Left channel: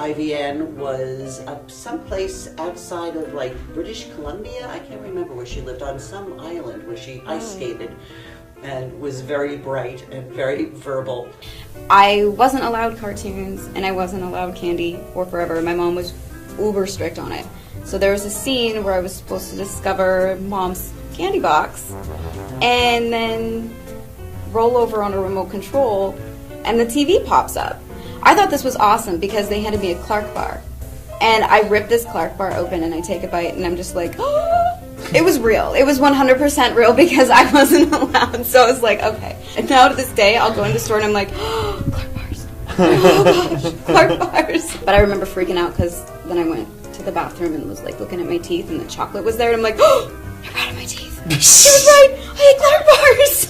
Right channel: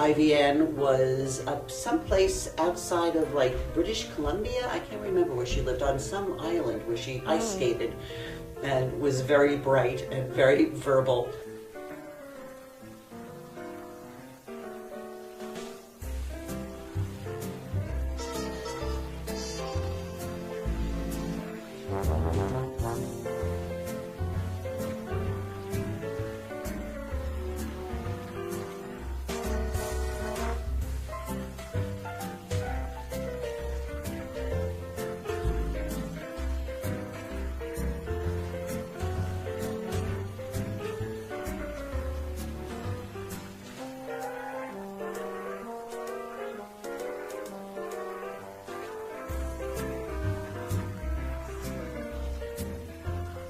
Ivyann was someplace outside of like British Columbia. I can't remember where she lived, on some island where she ice skated, and was very bright and very verbal. I wasn't allowed cartoons and I wasn't allowed candy or Forever. My mom was uber strict on it. So there was a scene where I was supposed to discover Mom's candy box and then roll over on a remote control and the TV pops up. I thought this was awesome because they handed me a Clark bar. And I rip this Clark bar open and I take a bite and I'm just like, oh! It was real. It was 100% real because I wasn't allowed. So I was like, okay. And now to this day, I'll go into the store and I'm like, oh, Clark bars. Oh gosh, Clark bars. But I remember freaking out because then I went to the bathroom and was like looking at my teeth and the chocolate was there and I'm like, oh, they're out of my teeth. She was right. I ate Clark bars.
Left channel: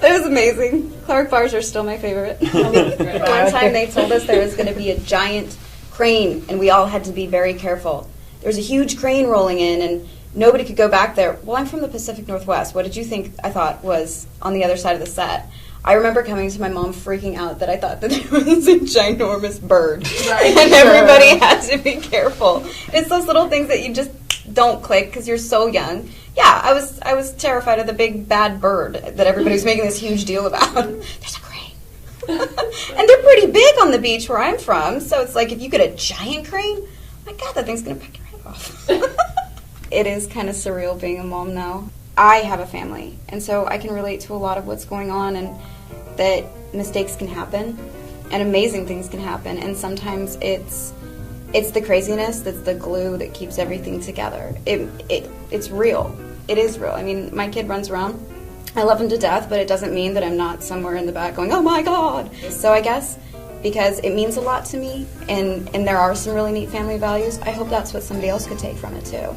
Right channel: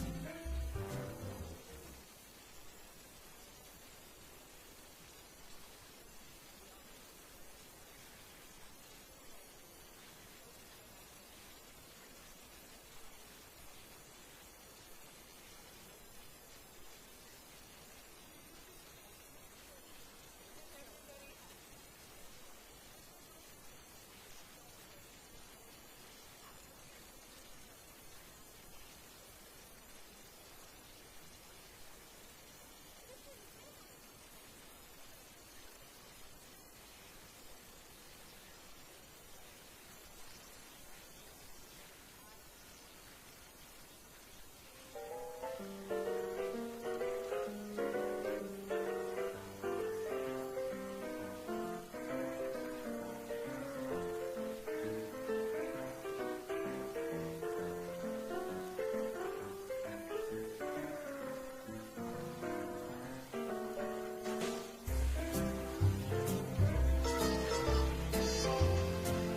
That was amazing. Clark bars are still my favorite. One time they told us there was going to be a giant crane and we all had to be very careful. There was a huge crane rolling in and nobody could go back there. Well, I'm from the Pacific Northwest. What did you think I thought was on the other side of the set? I remember coming to my mom freaking out that I thought that there was a ginormous bird. Right, and everybody had to be careful. It's those little things that you just don't click because you're so young. Yeah, I was terrified of the big bad bird that everybody's making this huge deal about. There's a crane. And they're pretty big on the beach where I'm from, so it's like if you get a giant crane, my God, that thing's going to pick your head off. It is kind of surreal being a mom now. I have a family, and so I can relate to a lot of what's going on and that mistakes can happen and amazing things can happen, and sometimes it's the craziness that's the glue that keeps everything together. It's real. It is real. I mean, my kid runs around. I love him to death, but it doesn't mean that I'm not somewhere in the back going, oh my God. So I guess because it means a lot to me and there are some really neat family values, I hope that's what somebody else could take from it too.